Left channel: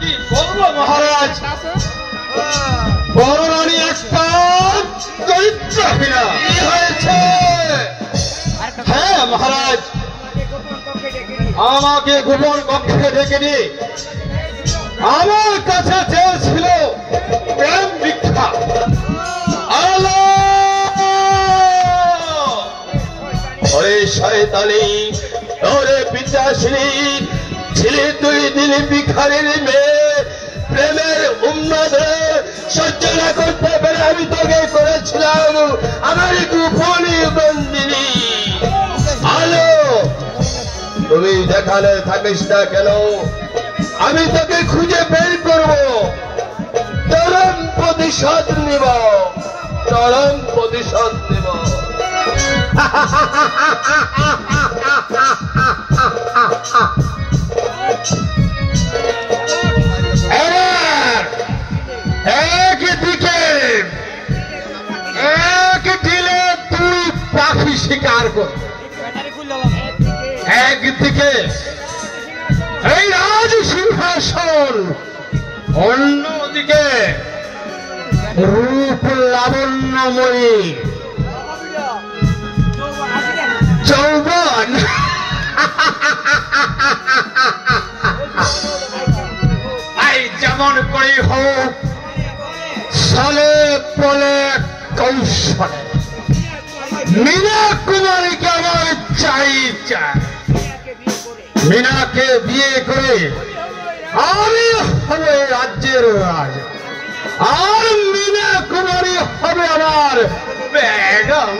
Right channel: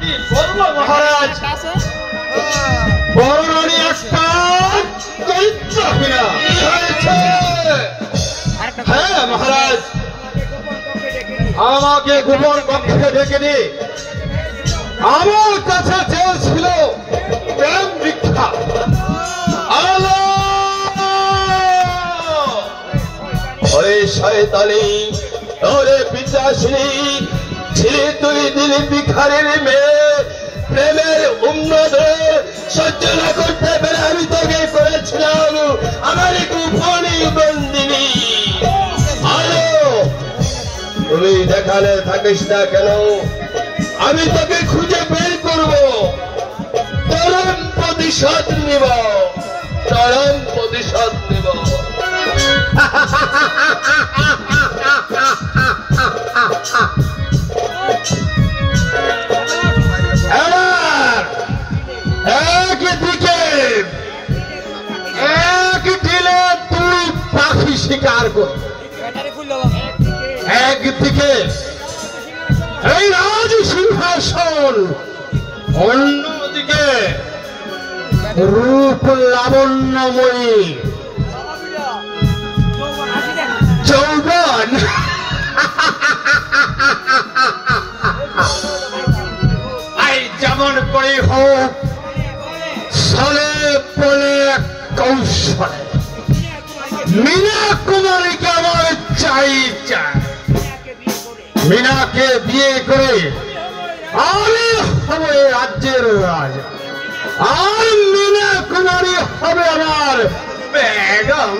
কি বলবো মহারাজ, বড়রানী একটা চরিত্রহীনা হয়েছে। হ্যাঁ মহারাজ, আমাকে গোপন কক্ষে ডেকে নিয়ে আমার কাছে চেয়েছিল প্রেম ভিক্ষা। আলো ওরে শয়তানি, ওরে পিতাশ্রী, ছিলি তুই দিলি ভিখারির মেয়ে, প্রেমের উন্নতে সহ্য না করতে পেরে আমি তোকে করেছিলাম আমার গোপনী বন্দিনী। আলো তুমি দেখালে থাকিস না কেন, আমি তোকে খুঁজে বের করব, চরম প্রতিশোধ নিব, চরম প্রতিশোধ নিব। একদিকে এক দিলে তুই পাখি শিকার কর, একদিকে এই রাজ সিংহাসন, অন্যদিকে রূপ লাবণ্যময়ী যৌবন। এই যেমন করে হোক ছলে পলে কৌশলে মীনা কুমারীকে আমার চাই চাই। মীনাকে বিয়ে করে আমি হবে রাজ্যের রাজা, আর মীনা কুমারী হবে আমার বেগম।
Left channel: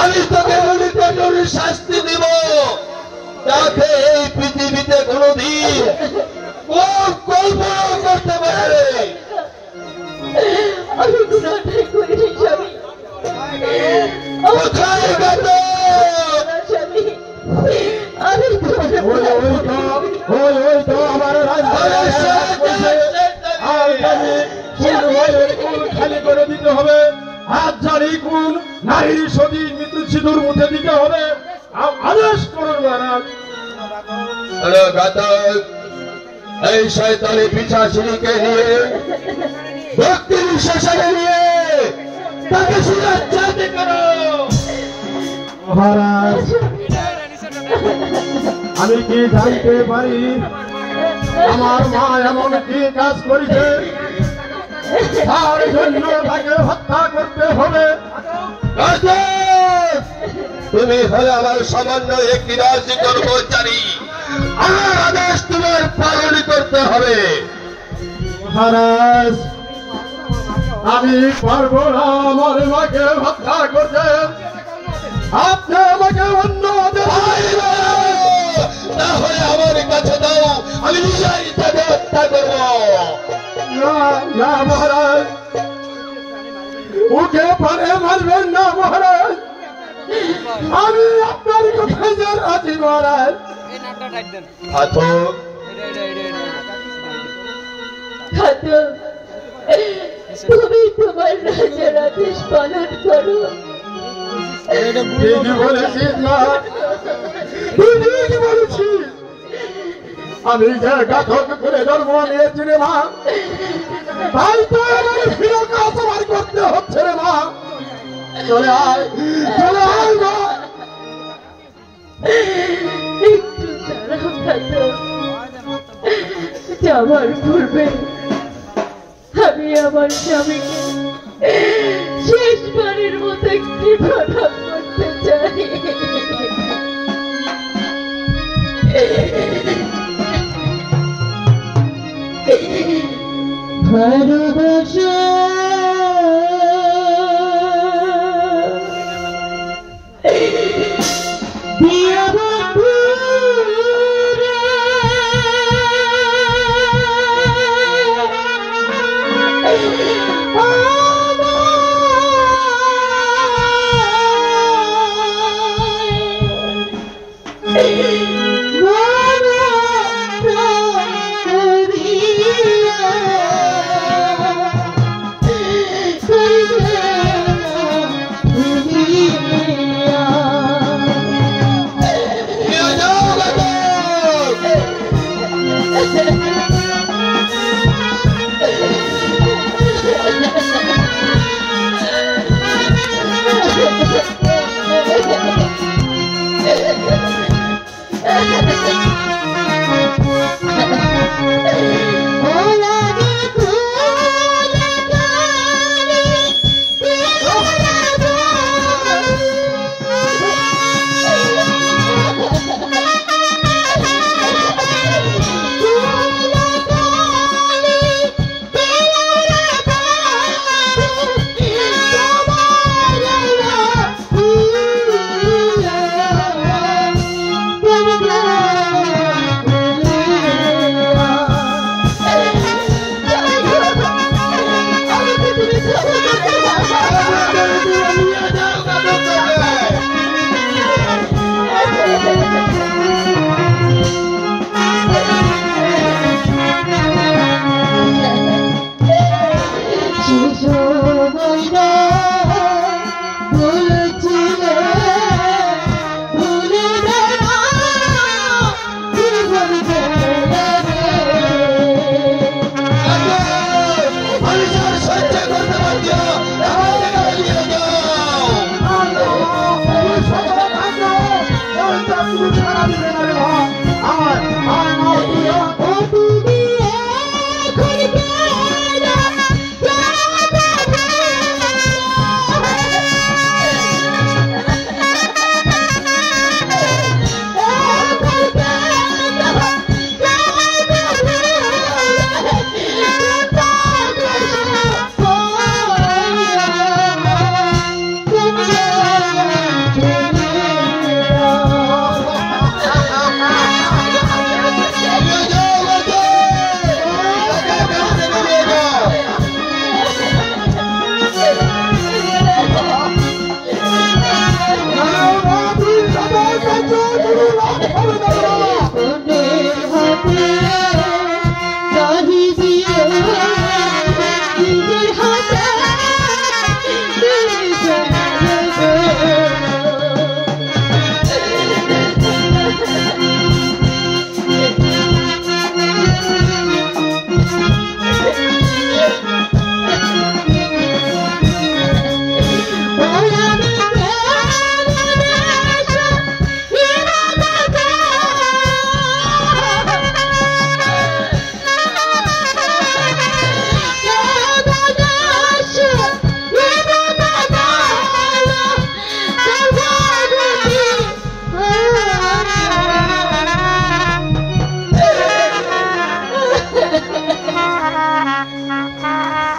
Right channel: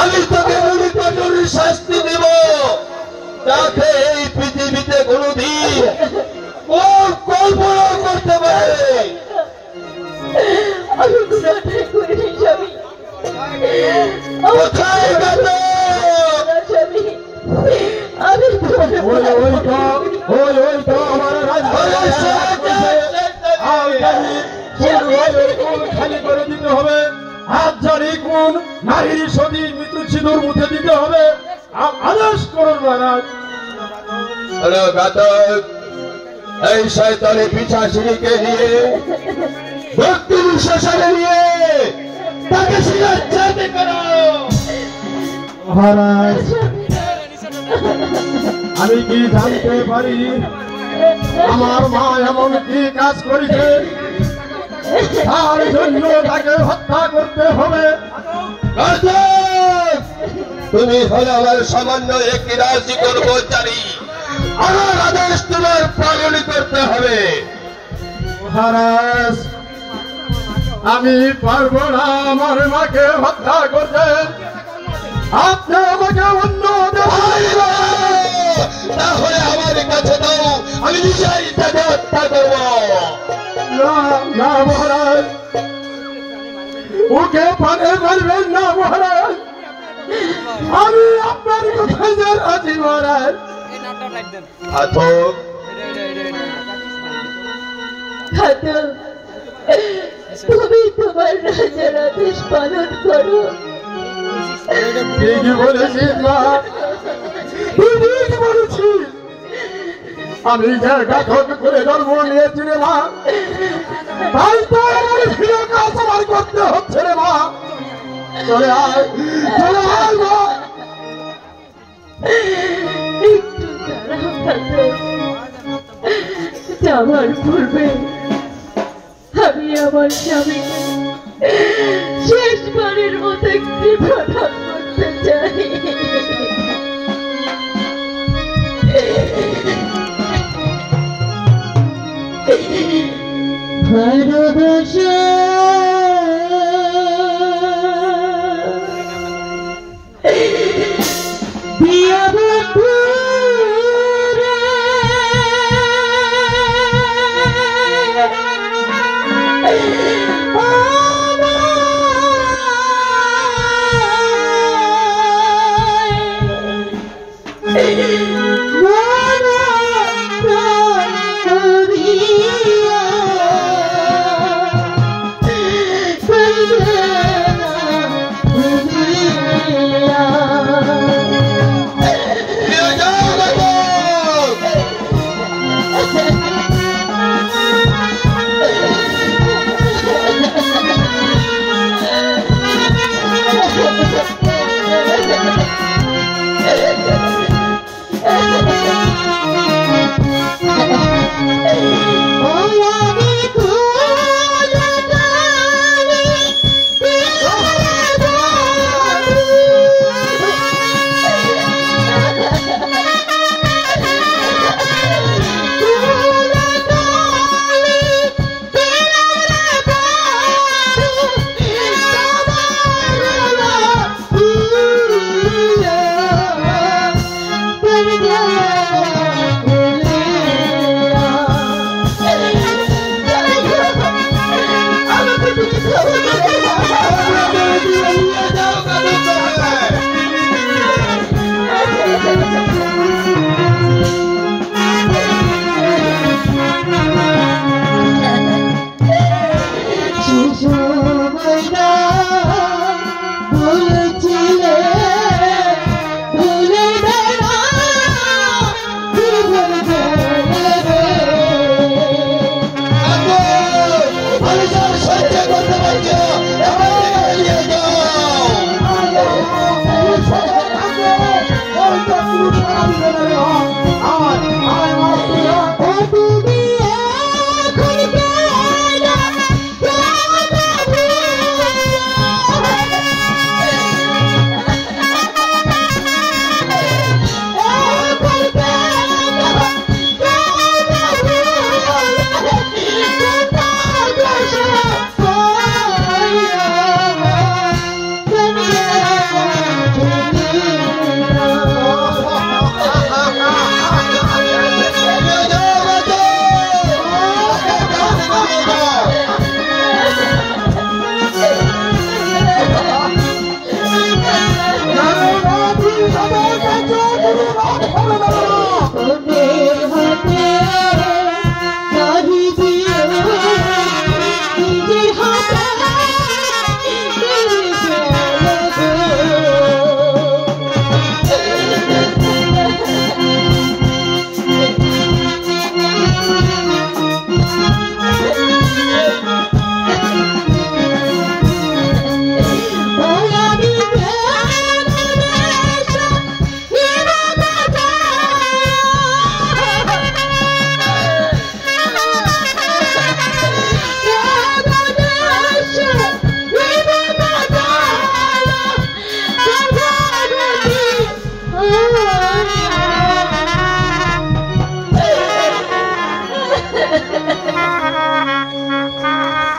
আমি তোকে এমন কঠোর শাস্তি দিব যাতে এই পৃথিবীতে কোনোদিন কল্পনা করতে পারে। আমি গুণাটাই করিনি স্বামী। কোথায় গেল? স্বামী আমি আমার খালি করে দিতে হবে। হাত ঝাড়ি কোন নারীর সতী মৃত্যু সিঁদুর মুছে দিতে হবে। আদেশ করুন মহারাজ। হলো ঘাতক, এই শয়তানি পিশাচিনীকে নিয়ে ব্যক্তির শ্মশানে নিয়ে তাকে শিলাচ্ছাদন করো। মহারাজ, আমি কি জানতে পারি আমার মা এমন কি কাজ করেছে তার জন্য তাকে হত্যা করতে হবে? ঘাতক, তুমি হলে আমার সামান্য একটি রাজ্যিক কর্মচারী, আমার আদেশ তোমার পালন করতে হবে। মহারাজ, আমি পারবো না আমার মাকে হত্যা করতে। আপনি আমাকে অন্য তাহলে আমার কাছে দাও, আমি নিজেই তাকে হত্যা করব। না মহারাজ, ওকে পারে মারবেন না মহারাজ। আমি আপনার কথায় যে রাজি মহারাজ। ঘাতক, ঘাতক, তুমি তোমার রাজার আদেশ পালন করো। ঠিকই বলেছিস মা, তুই ঠিকই বলেছিস। আমি যে ঘাতক করে জন্ম নিয়েছি রে মা, তাই তো আমার প্রিয় কাজ আমার করতে হচ্ছে রে মা। চলে আয়, চলে আয় মা। একটু দাঁড়াও ঘাতক, যাবার পূর্বে আমি আমার স্বামীকে শেষবারের মতো একটি প্রণাম করতে চাই। ভালোবাসা দিয়া পুরুষ